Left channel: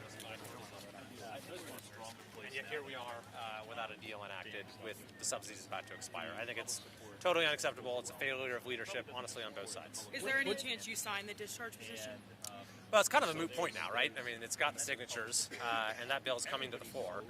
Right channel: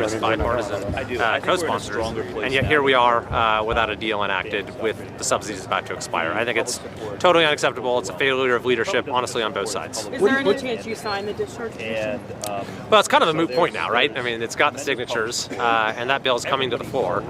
numerous bipartisan co-sponsors, and yet here we are without a deal enacted with the subsidies about to expire. I think it's totally unacceptable. It's a failure of leadership, honestly, on both sides. Is there any chance you sign the discharge petition? Well, it's kind of a moot point now, right? I mean, it's got the signatures, and that bill is coming to the floor.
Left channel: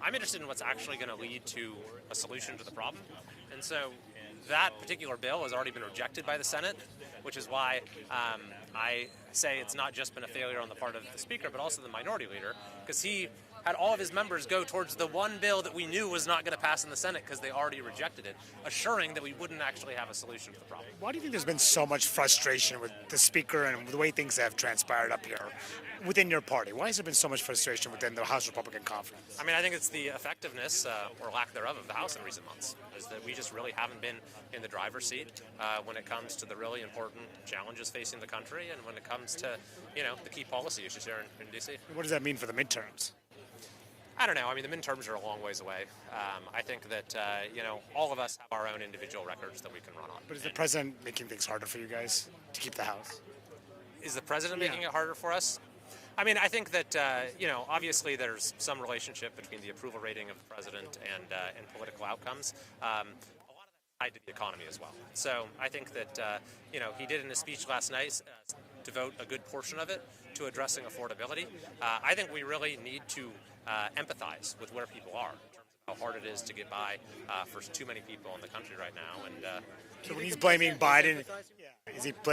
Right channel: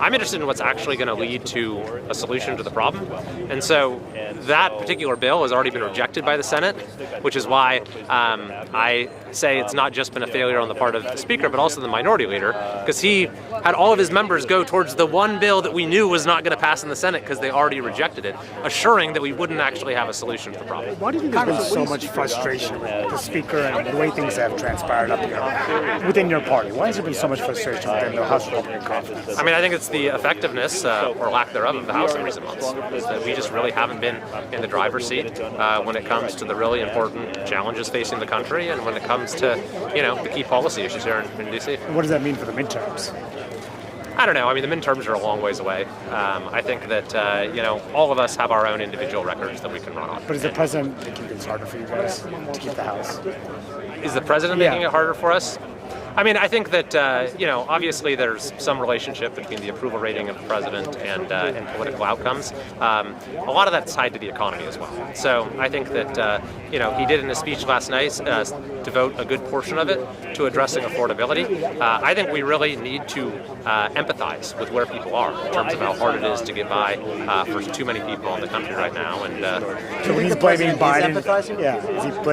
I'm interested in what's actually going to lead to a solution to the problem. And so that particular bill has already been rejected by the Senate, which is why I say it's not just been a failure on the part of the Speaker, but also the Minority Leader, because he had all of his members go towards the one bill that we knew was not going to pass in the Senate because they already rejected it, assuring that we wouldn't actually have a solution to the problem. Why do you think there's been so much frustration with the Speaker and the way things have transpired up here within your party? Why has there been so much frustration within the House Republican Conference? I mean, I think it's the effectiveness, or lack thereof, of the House in recent months. That we just really haven't been in the driver's seat when it comes to the really important challenges facing the country and when it comes to, the key policy issues here in D.C. What does that mean for the midterms? I don't know. I mean, the midterms are a long ways away. I think that, all of us have our own individual records that we can run on. But is the president making things harder for you guys to keep the House? Is the president making it harder for us? I mean, I think that, obviously there's some relationship between the approval rating of the president and political outcomes. A lot of that's tied to the economy as well. So I think that, he did in his speech last night devote a good portion of it to addressing affordability. I think we really need to empathize with where people are in terms of how hard it is to get by for too many people in the country right now. And so when he's blaming Biden,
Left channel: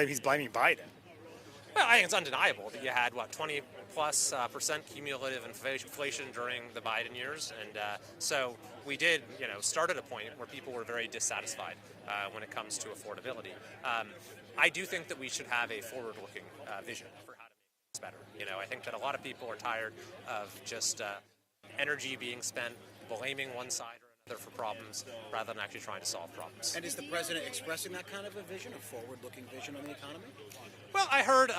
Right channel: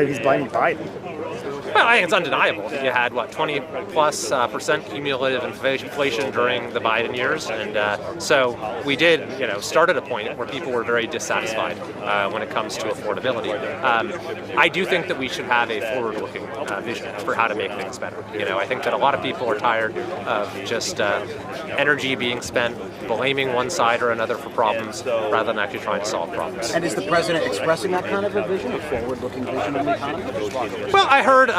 he's blaming Biden. Well, I think it's undeniable that you had, 20+% cumulative inflation during the Biden years. And so we did, start at a point where people were very dissatisfied when it comes to affordability. I do think that we should have a forward-looking vision for how to make things better. I think that a lot of people are tired of just energy being spent blaming one side or another for problems rather than actually trying to solve problems. And is the president expressing that kind of a vision, a forward-looking vision in the economy? Well, I heard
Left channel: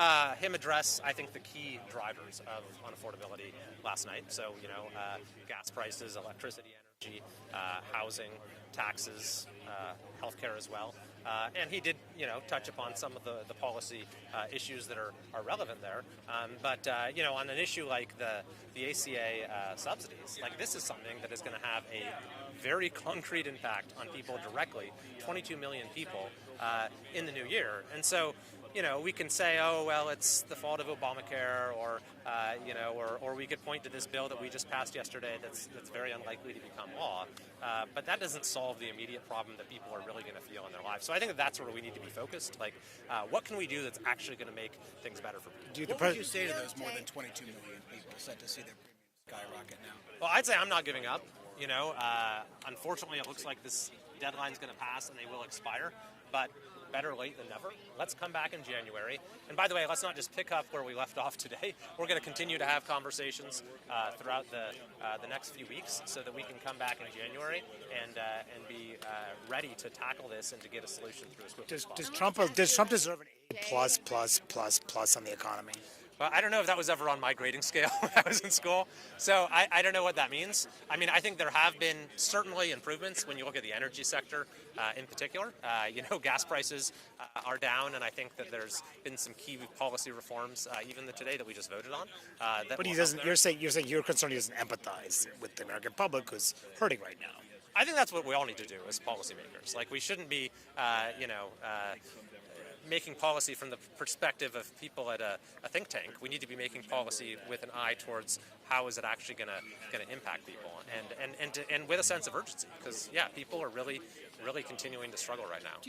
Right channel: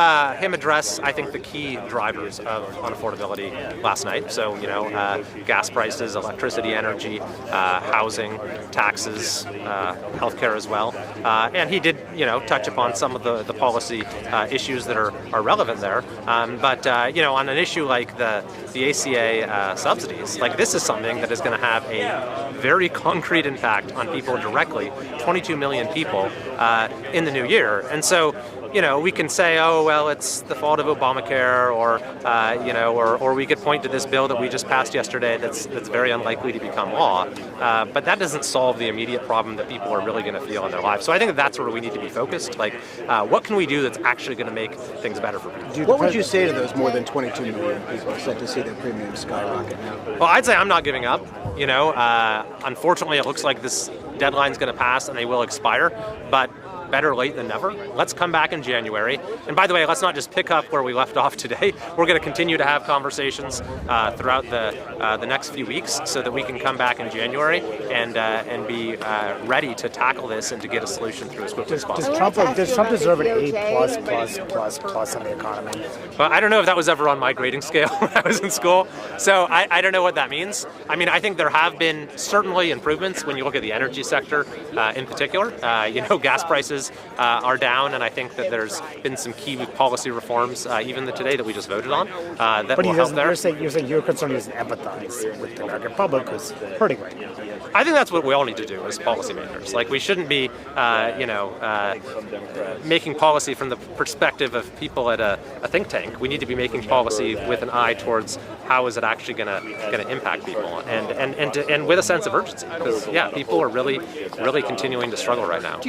him address, I think, the key drivers of unaffordability last night. So, gas prices, electricity, energy, housing, taxes, healthcare as well. And he did, touch upon some of the policy issues that are relevant there. But on an issue like the ACA subsidies, this is something that is going to have a very concrete impact on people directly, 22 million people in the new year. And so, we can say, oh, well, it's the fault of Obamacare, or we could point to this bill that we just passed yesterday that's very unlikely to become law. But that doesn't solve the immediate problem that people are really going to feel in their lives. So I think that's where we need to be focused. What can we do that's actually going to make things better for people? What would you say to those more than 22 million people set to see their premiums skyrocket now? Well, I'd say I'm not giving up. Unfortunately, it looks like this deadline's going to pass and they will expire. But better late than never. Let's come back in January. And by the way, let's not just pick up where we left off today. We're going to continue to have conversations throughout the next few weeks so that we can come back in January and be ready to tackle this and to get a solution through as quickly as possible. Does Trump deserve an A++++ on the economy? Well, I don't know if that was ever on my grading scale when I was in school. So I don't know what that means. I mean, I think there have been certainly improvements when you look at the energy sector in particular. Gas prices are down, and I think that there's been some key policy reforms, even today that we just voted on, that will help there. You're saying your concern is empathize with the American public who's hurting right now. I think that's what we all need to do as policymakers. We shouldn't be, making policy from the perspective of people at a think tank. We need to be making policy with an eye towards how is it actually going to impact people, and with a sense of urgency, because people are really continuing to struggle right now.